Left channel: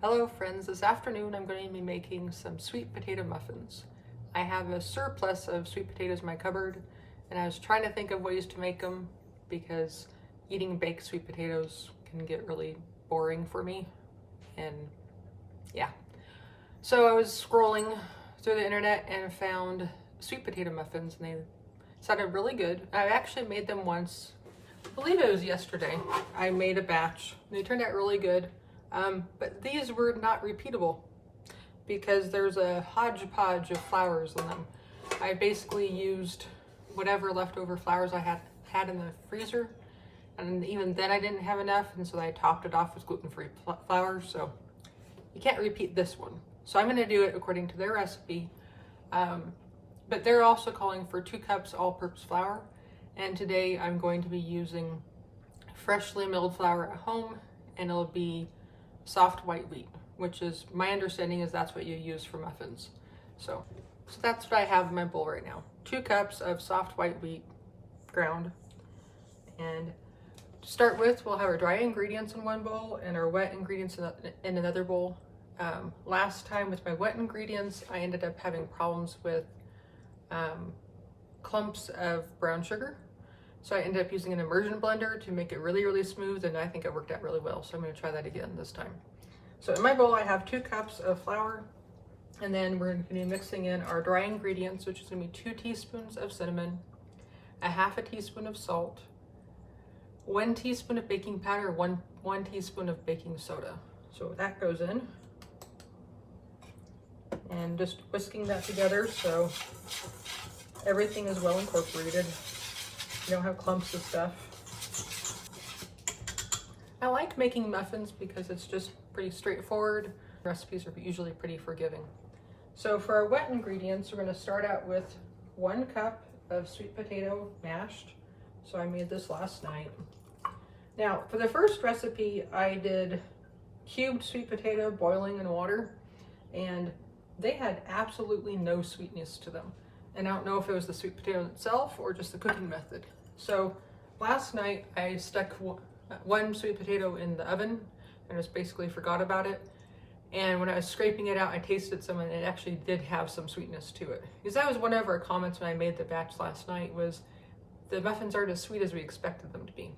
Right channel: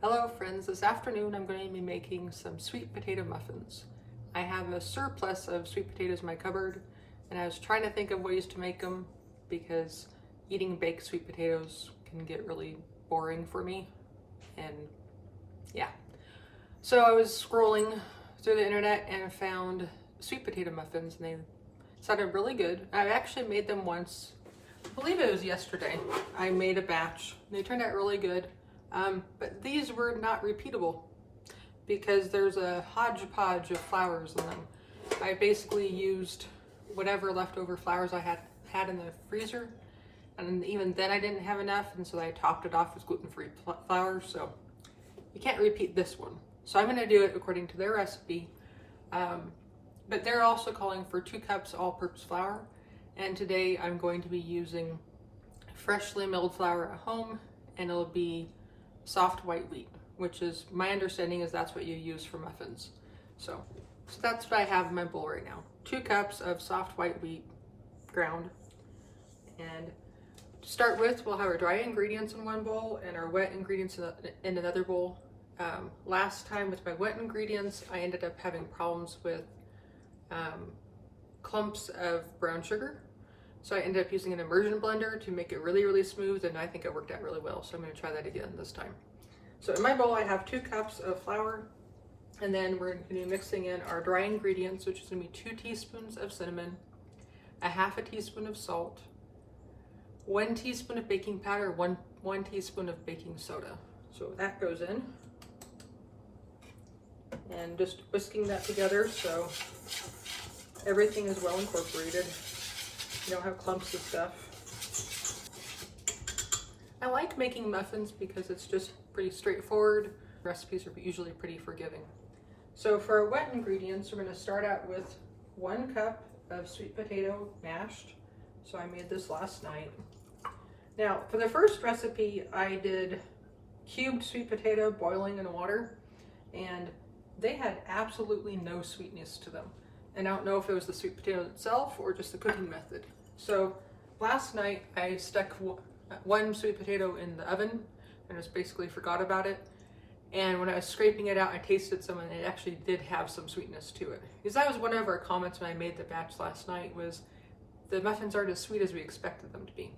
Hello friends, this afternoon I'm going to be making some sweet potato muffins. I have a surplus of sweet potatoes in my cupboard and I was trying to think of ways to make them because eating baked sweet potatoes can get really boring for me, and yeah. So I was scrolling through the internet and I found sweet potato muffins and they sounded really good. I actually made them once, I believe it was yesterday. I made a batch. They turned out really good. But these were not repeatable because there's a hodgepodge of flours in them. I basically used whatever leftover flours I had in the freezer, and even then I didn't have enough, and so I topped it off with gluten-free flour, so you can't repeat this one. So I'm going to do it according to their recipe, but they're also calling for 2 cups all-purpose flour, and today I'm going to be using freshly milled flour at home, and it'll be soft white wheat, which is, my understanding is that's what you use for muffins. So that's what I have in my bowl right now. 2 cups of soft white wheat ground. And to start with, we'll have our dry ingredients in one bowl and our wet ingredients in another bowl. Last time with my wet ingredients, I ended up having problems with clumps of brown sugar. So I ended up using an immersion blender to make it really, really smooth, and I think it worked out really well. So I'm going to try that again this time. So in my bowl, I have 2 cups of flour, and then we're going to be mixing in our dry ingredients, which is going to be 2 teaspoons of cinnamon, a half a teaspoon of salt, 1 teaspoon of baking powder, one teaspoon of baking soda. So that goes in, and just whisking that together so everything is well incorporated. You don't have clumps of stuff. I like making muffins because it's just pretty straightforward. Recipes are usually pretty forgiving. So for our wet ingredients, we're going to start out with 1 cup of sweet potato mashed. So I made this last night. Now for the first recipe, I did cubed sweet potato boiling in water, and they had absolutely no sweetness to them. And I don't know if it was the sweet potato itself or just the cooking method. So last night I stuck 1 sweet potato in the oven and just basically forgot about it. And when I was scraping it out, I tasted some and it actually did have some sweetness to it. Because that was one of our comments when I made the batch last night, was the muffins aren't as sweet as we expected them to be.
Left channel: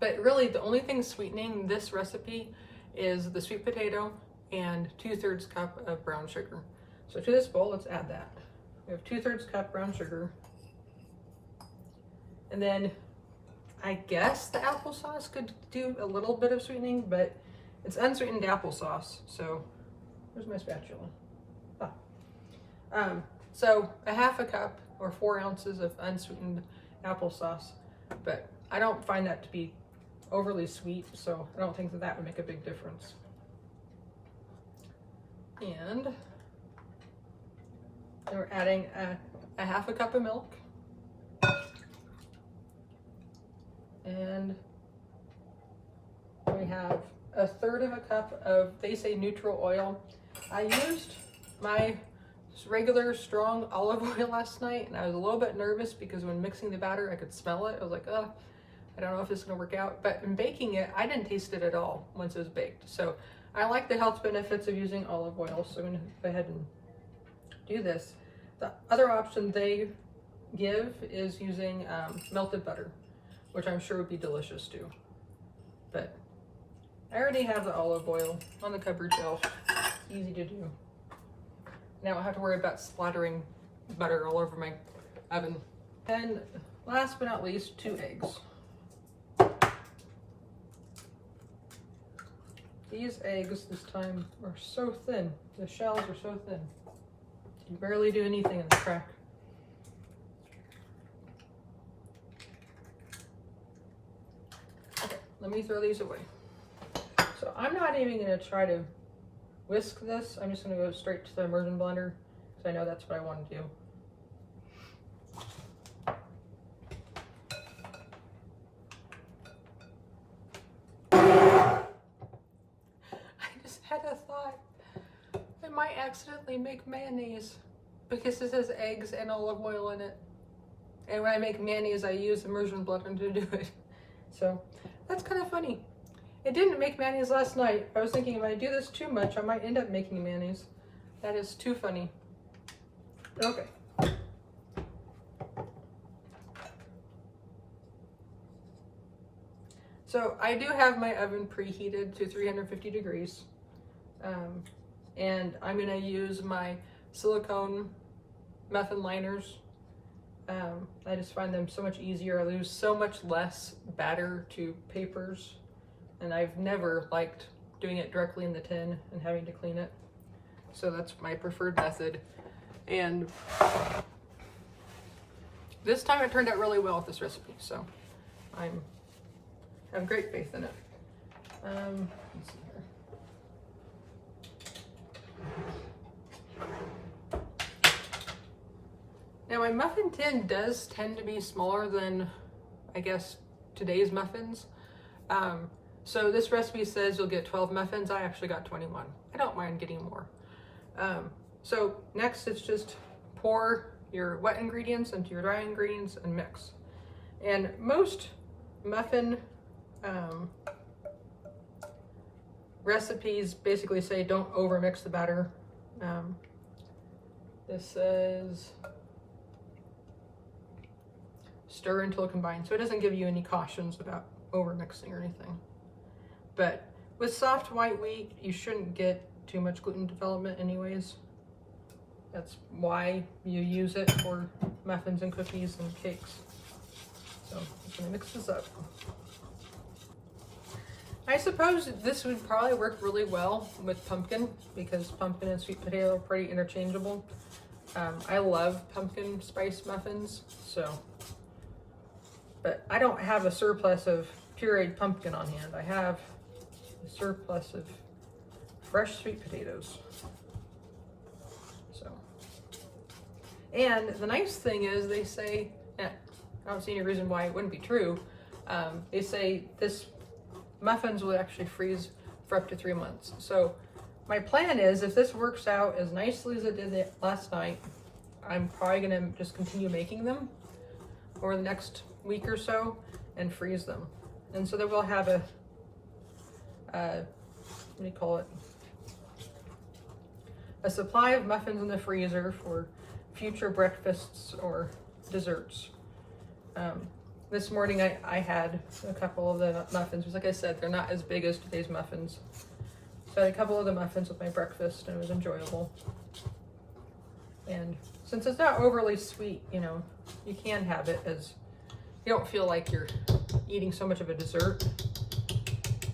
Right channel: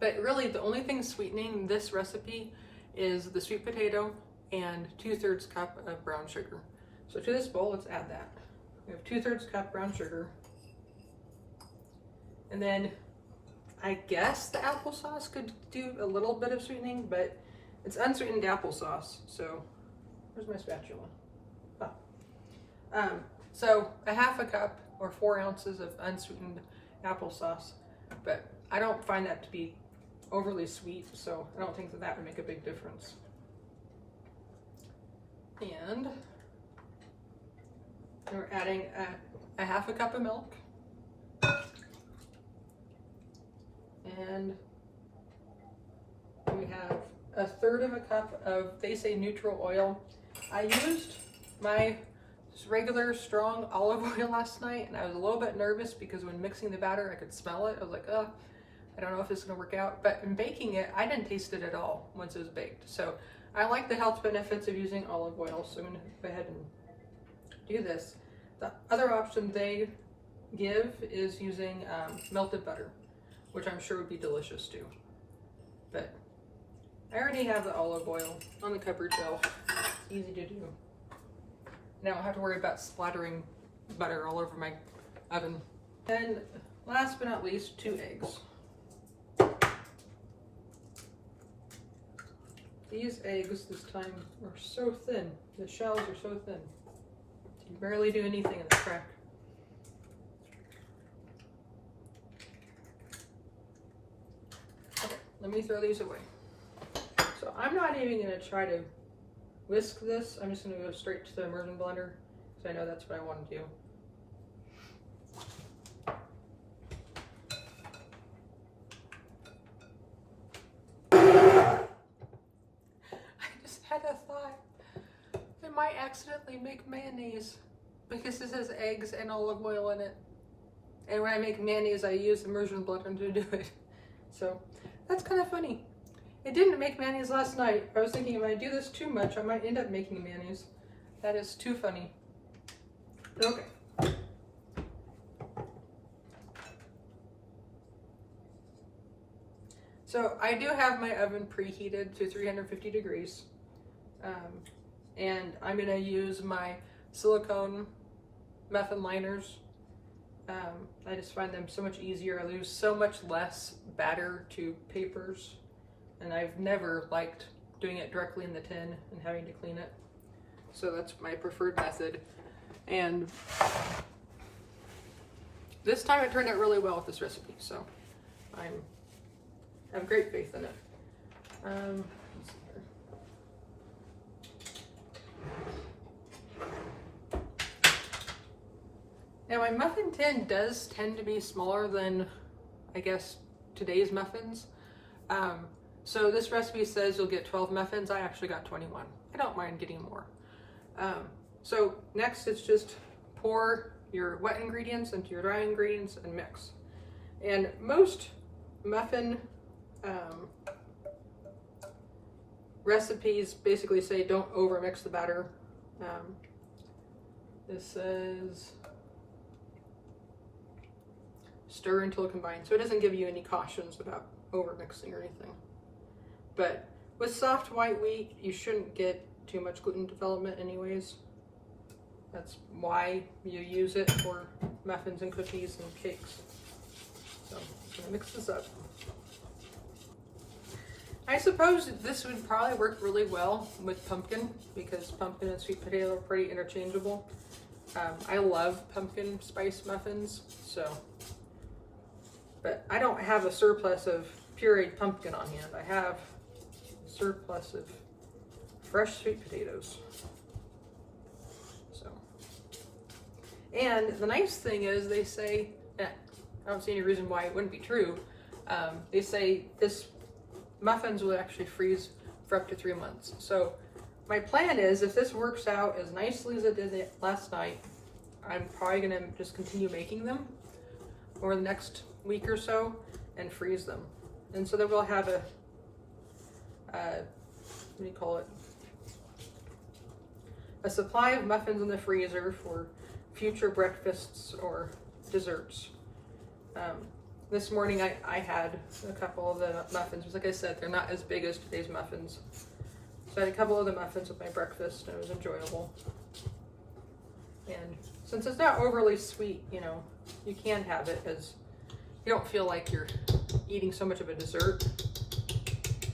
But really the only thing sweetening this recipe is the sweet potato and 2/3 cup of brown sugar. So to this bowl, let's add that. We have 2/3 cup brown sugar. And then I guess the applesauce could do a little bit of sweetening, but it's unsweetened applesauce. So where's my spatula? Oh. So a half a cup or 4 ounces of unsweetened applesauce, but I don't find that to be overly sweet, so I don't think that would make a big difference. And we're adding a half a cup of milk. And we have 1/3 of a cup of, they say, neutral oil. I used my regular strong olive oil last night, and I was a little bit nervous because when mixing the batter, I could smell it. I was like, oh, I don't know if this is gonna work out. But in baking it, I didn't taste it at all once it was baked. So I like the health benefits of using olive oil, so I'm gonna go ahead and do this. The other option they give is using melted butter, which I'm sure would be delicious too. But I already have the olive oil on the cupboard shelf. It's easy to do. Now I don't have to worry about splattering butter all over my oven. And last but not least, 2 eggs. These eggs this time are so thin. The shells are so thin. You barely do anything in the crack. Okay, let me throw these away. So I'm not even going to try to whisk this. I'm just going to go straight to the immersion blender because I know that's what I want to do. I just had a thought. I might accidentally make mayonnaise because this has eggs and olive oil in it. And when I make mayonnaise, I use immersion blender to do it. So that's kind of funny. It didn't make mayonnaise last night. I was thinking if I do this too much, I might end up making mayonnaise. That is too funny. Okay. So I do have my oven preheated to 350 degrees. And I'm gonna use my silicone muffin liners. I just find them so much easier. I lose so much less batter to papers. And I've never liked doing it directly in the tin and having to clean it. So that's my preferred method. And this time it turned out really well with this recipe. So I have great faith in it. Let's see here. Now my muffin tin does tend to be smaller than, I guess, today's muffins. So this recipe says you'll get 12 muffins. I actually got 21. I don't mind getting more. So next it's just pour your wet ingredients into your dry ingredients and mix. And most muffin recipes basically say don't over mix the batter. This says stir until combined. So it doesn't give you any cautions about over mixing or anything. But with soft white wheat, you shouldn't get too much gluten development anyways. That's why you use it for muffins and cookies and cakes. So I'm just gonna mix this up. I suppose this would probably work really well with pumpkin because pumpkin and sweet potato are pretty interchangeable. I love pumpkin spice muffins, but I don't have a surplus of pureed pumpkin on hand. I have a surplus of fresh sweet potatoes. So, and the nice thing is they say, I don't see any reason why it wouldn't be true. They say this muffins will actually freeze for up to 3 months. So my plan is if this works out as nicely as it did last night, I'm probably gonna just continue making them over the next week or so and freeze them. And so then we'll have a, what do you call it? A supply of muffins in the freezer for future breakfasts or desserts. This morning I had a couple of the muffins. Like I said, they're not as big as today's muffins. So I had a couple of the muffins with my breakfast and it was enjoyable. And since it's not overly sweet, you know, you can have it as, you don't feel like you're eating so much of a dessert.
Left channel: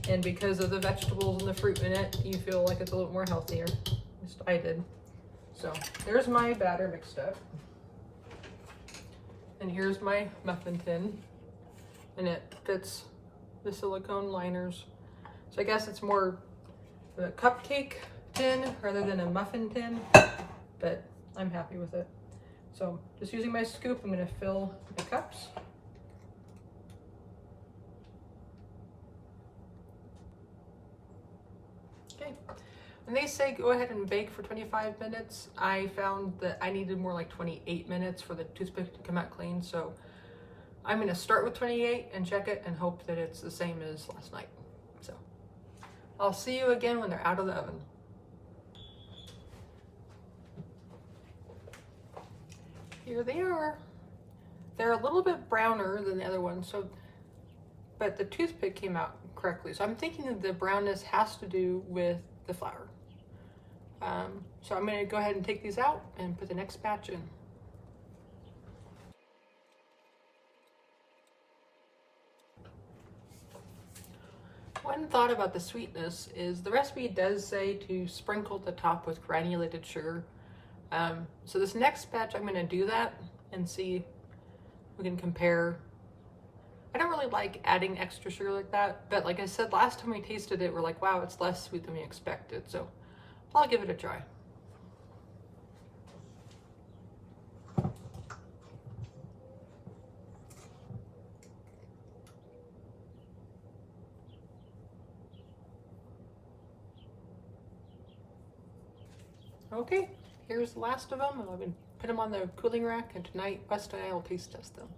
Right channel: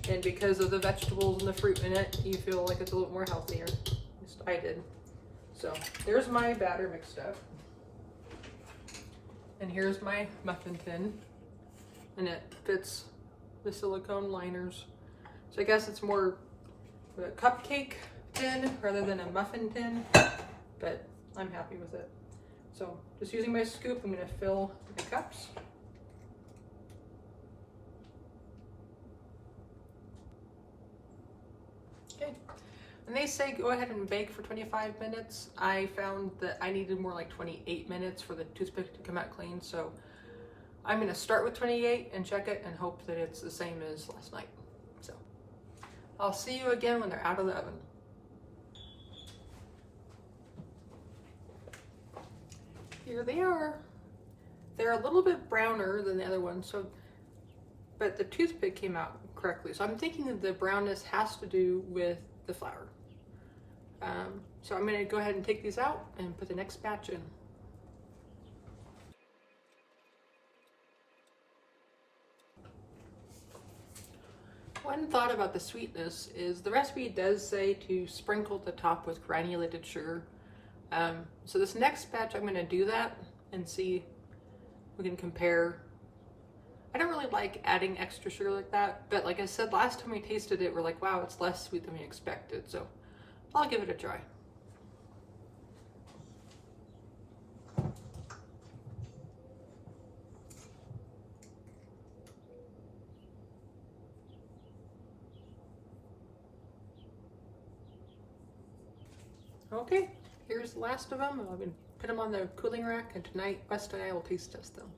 And because of the vegetables and the fruit in it, you feel like it's a little more healthier. At least I did. So there's my batter mixed up. And here's my muffin tin. And it fits the silicone liners. So I guess it's more a cupcake tin rather than a muffin tin, but I'm happy with it. So just using my scoop, I'm gonna fill the cups. Okay, and they say go ahead and bake for 25 minutes. I found that I needed more like 28 minutes for the toothpick to come out clean, so I'm gonna start with 28 and check it and hope that it's the same as last night. So I'll see you again when they're out of the oven. Here they are. They're a little bit browner than the other ones, so, but the toothpick came out correctly. So I'm thinking that the brownness has to do with the flour. So I'm gonna go ahead and take these out and put the next batch in. One thought about the sweetness is the recipe does say to sprinkle the top with granulated sugar. So this next batch I'm gonna do that and see if we can compare. I don't really like adding extra sugar like that, but like I said, last time we tasted it, we're like, wow, it's less sweet than we expected. So I'll give it a try. Okay, here's the last of them. I'm going to put them on the cooling rack, and tonight West and I will taste test them.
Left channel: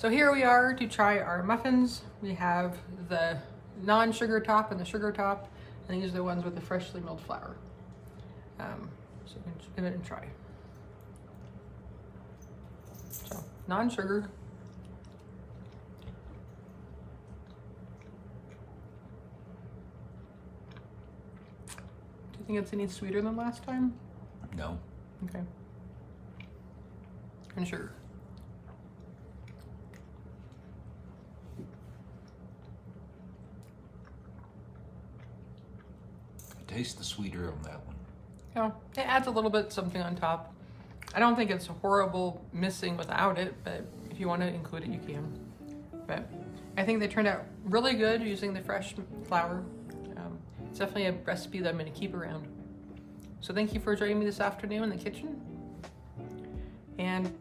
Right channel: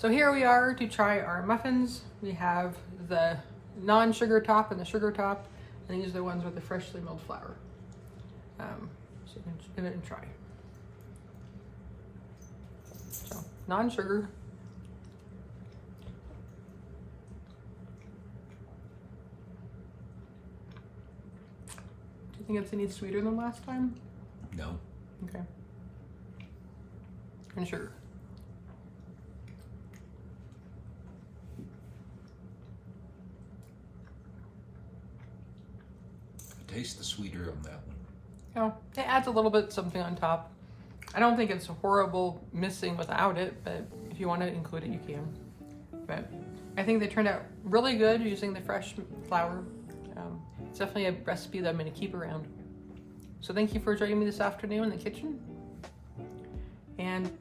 So here we are to try our muffins. We have the non-sugar top and the sugar top, and these are the ones with the freshly milled flour. So you can give it a try. So non-sugar. Do you think it's any sweeter than last time? No. Okay. And sugar. Taste the sweeter on that one. Yeah, it adds a little bit something on top. I don't think it's horrible missing without it, but if you want to include it, you can. But I think they turned out really good using the fresh flour. It's definitely a recipe that I'm going to keep around. So thank you for joining me this afternoon in the kitchen. And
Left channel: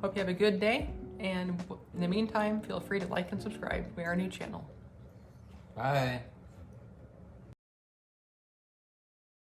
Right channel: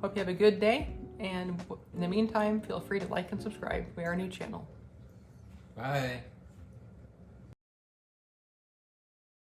hope you have a good day. And in the meantime, feel free to like and subscribe. We are a new channel. Bye.